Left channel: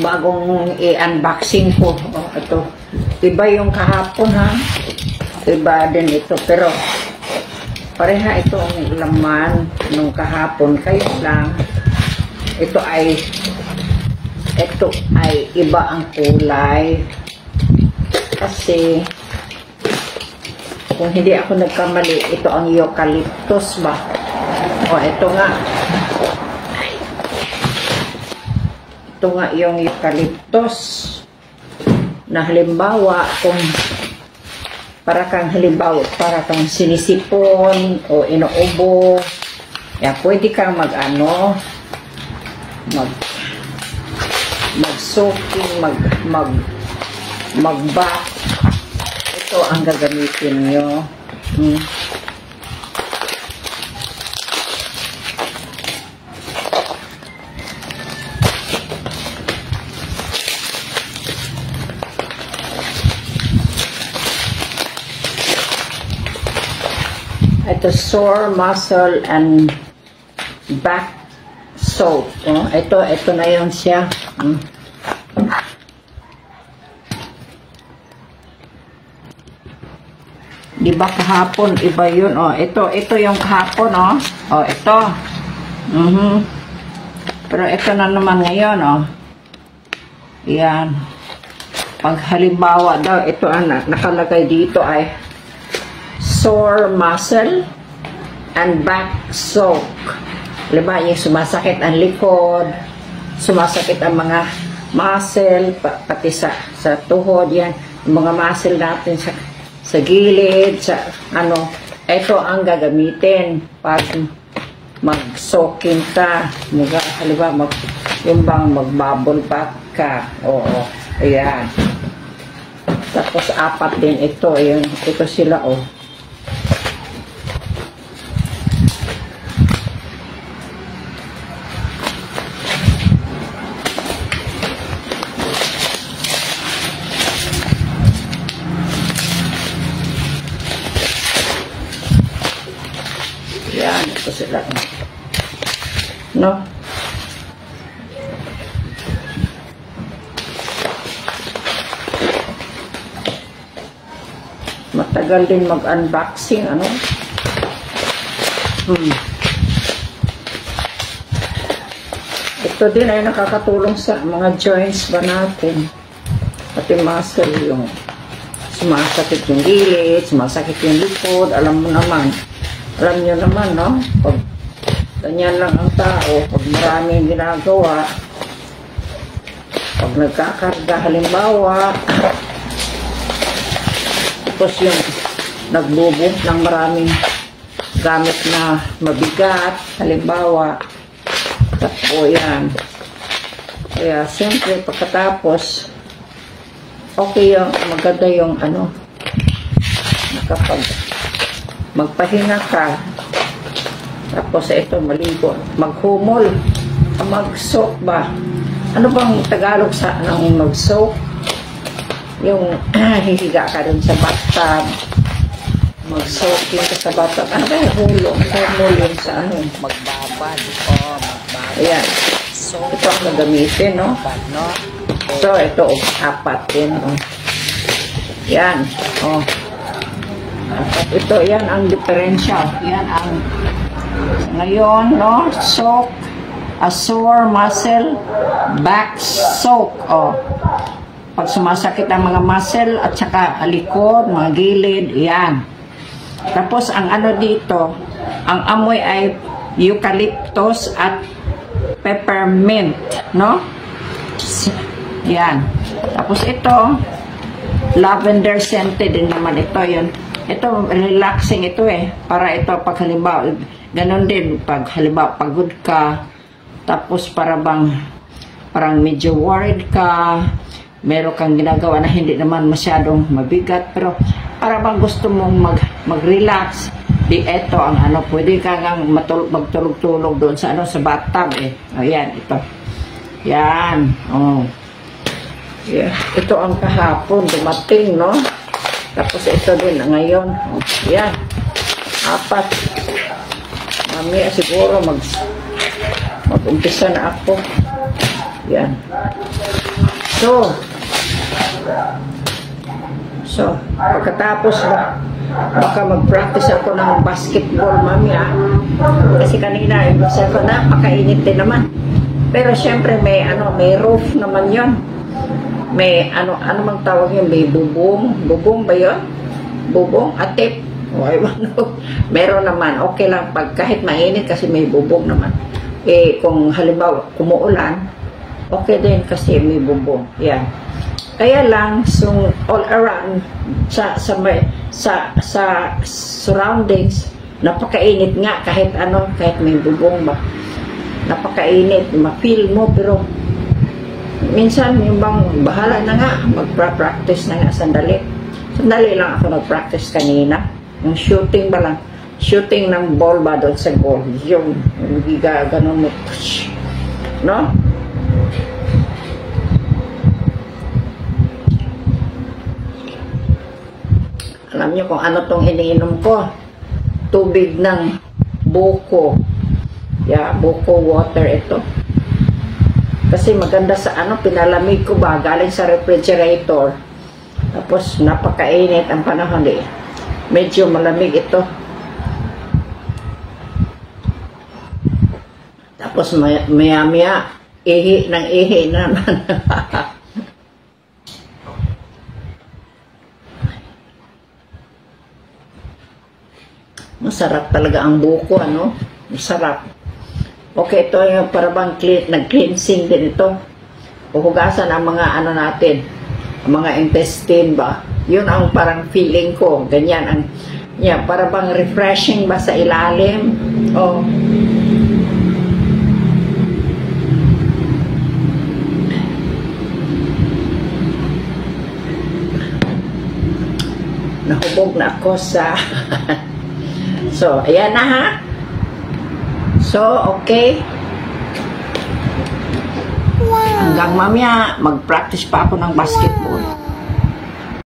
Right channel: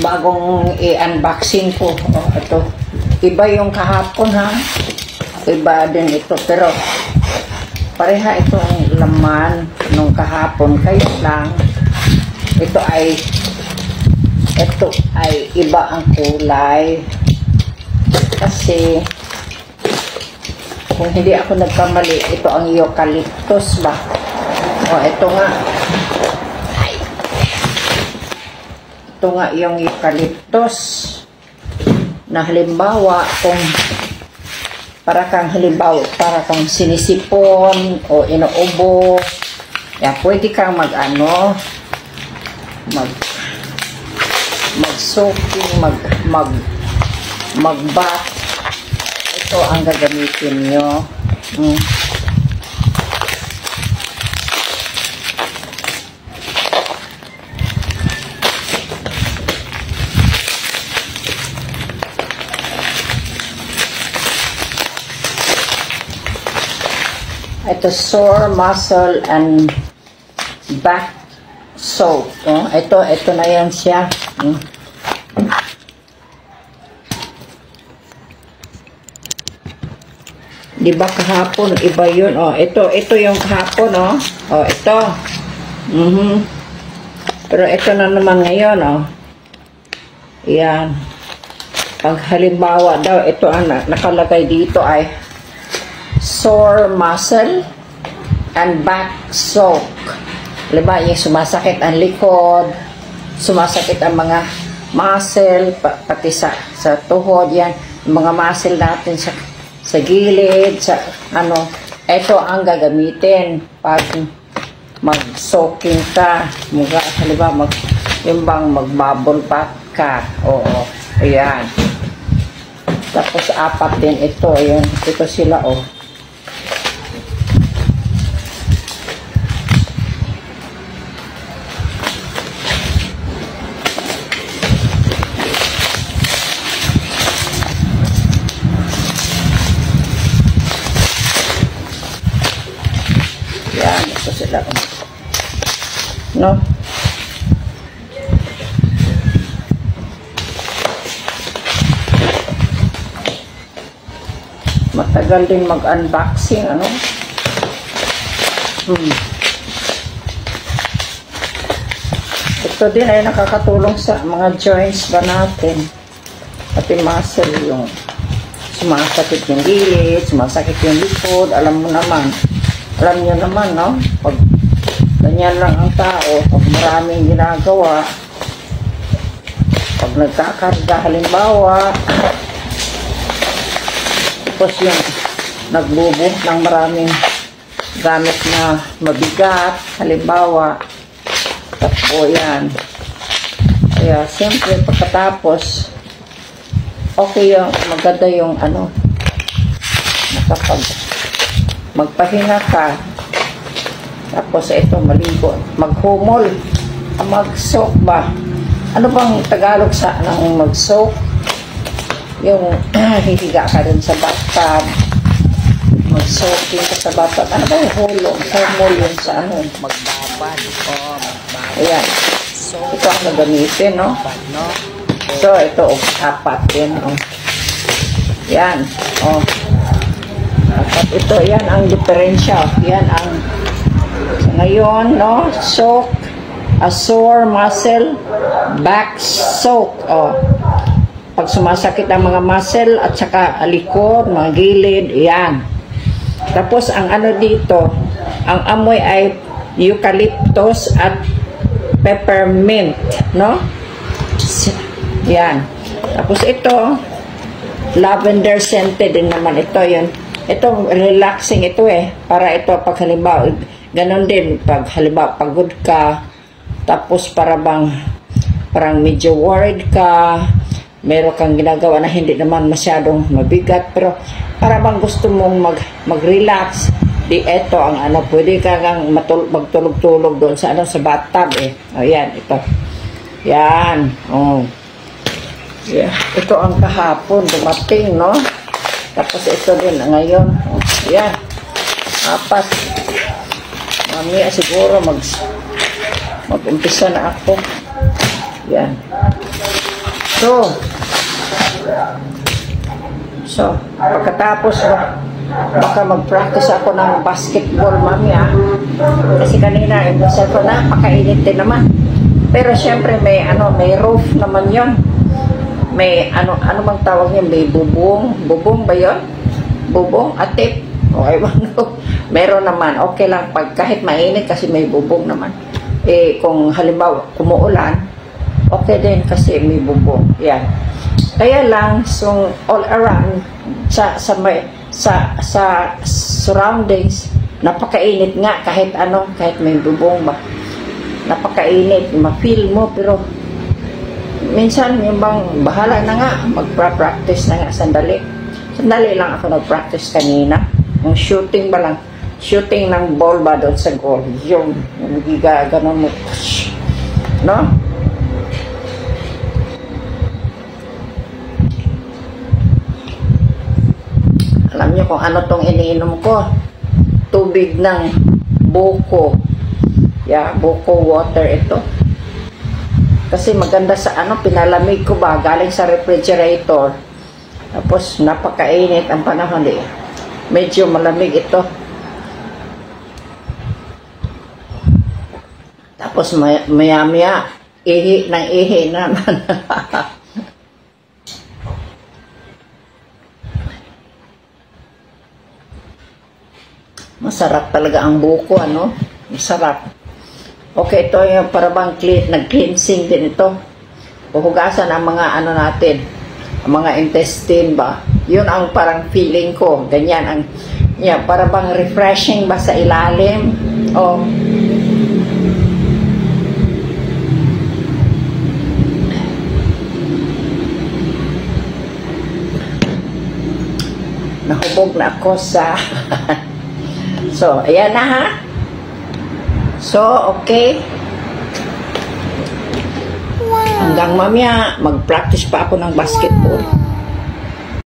bagong i-unboxing ko. Oh, ito. Iba yung kahapon ha. Iba din ito. Pero pareha itong laman nung kahapon. Kaya lang ito ay iba ang kulay. Kasi kung hindi ako nagkamali, ito ang eucalyptus ba? O, ito nga. Ito nga yung eucalyptus na halimbawa kung para kang sinisipon o inuubo, yan, pwede kang mag-soaking, mag-bath. Ito ang gagamitin nyo. Ito, sore muscle and back soap. Ito na yan siya. Di ba kahapon, iba yun. Ito yung kahapon, ito. Pero ito na naman ngayon, Yan. Pag halimbawa daw, ito nakalagay dito ay sore muscle and back soak. Diba, yung sumasakit ang likod, sumasakit ang mga muscle, pati sa tuhod, yan. Yung mga muscle natin sa gilid, ito ang gagamitin pag mag-soaking ka. Halimbawa, yung bang mag-bubble bath ka. Oo, ayan. Tapos, 4 din ito. Ayan, ito sila, Yan, ito sila. No? Matagal din mag-unboxing, Ito din ay nakakatulong sa mga joints ba natin. Pati muscle, yung sumasakit yung gilid, sumasakit yung likod, alam nyo naman, no? Pag ganyan lang ang tao, pag maraming ginagawa, pag nagkakarga, halimbawa, tapos yung naglubog ng maraming gamit na mabigat, halimbawa, tapos yan. Kaya, siyempre, pagkatapos, okay yung, maganda yung, magpahinga ka, tapos ito, maligo, maghumol, mag-soak ba? Ano bang Tagalog sa mag-soak? Yung hihiga ka rin sa bathtub, mag-soaking ka sa bathtub. Ano ba yung humol yun sa magbabad. Magbabad. Ayan. So, ito ang nagamitin, no? So, ito, 4 din, Yan, At ito, yan ang diferensya. Yan ang, ngayon, no? Soak, a sore muscle, back soak, Pag sumasakit ang mga muscle at saka likod, mga gilid, yan. Tapos, ang dito, ang amoy ay eucalyptus at peppermint, no? Yan. Tapos ito, lavender scented din naman ito, yan. Ito, relaxing ito para ito pag halimbawa, ganun din, pag halimbawa pagod ka, tapos parang medyo worried ka, meron kang ginagawa na hindi naman masyadong mabigat, pero para bang gusto mong mag-relax, di ito ang pwede kang magtulog-tulog doon sa sa bathtub Ayan, ito. Yan. Yeah. Ito ang kahapon, dumating, no? Tapos ito din ngayon. Yan. 4. Mamaya siguro mag-umpisa na ako. Yan. So, pagkatapos baka mag-practice ako ng basketball mamaya. Kasi kanina, imbis ako na, pakainit din naman. Pero syempre, may roof naman yon. May, ano bang tawag yun? May bubong. Bubong ba yun? Bubong? Atik? O, ewan ko. Meron naman. Okay lang pag kahit mainit kasi may bubong naman. Kung halimbawa, kumuulan, okay din kasi may bubong. Yeah. Kaya lang, so all around sa surroundings, napakainit nga kahit may bubong ba. Napakainit, ma-feel mo, pero minsan yung bang bahala na nga, magpa-practice na nga sandali. Sandali lang ako nag-practice kanina. Yung shooting ba lang, shooting ng ball ba doon sa goal. Yung gaganon mo. No? Alam niyo kung ano tong iniinom ko? Tubig ng buko. Yeah, buko water ito. Kasi maganda sa pinalamig ko ba, galing sa refrigerator. Tapos napakainit ang panahon Medyo malamig ito. Tapos maya-maya, ihi naman. Masarap talaga ang buko, Masarap. Okay, ito yung parabang nag-cleansing din ito. Puhugasan ang mga natin, ang mga intestine ba. Yun ang parang feeling ko. Ganyan. Parabang refreshing ba sa ilalim. Oh. Nahubog na ako sa... So, ayan na ha. So, okay. Wow. Hanggang mamaya, mag-practice pa ako ng basketball.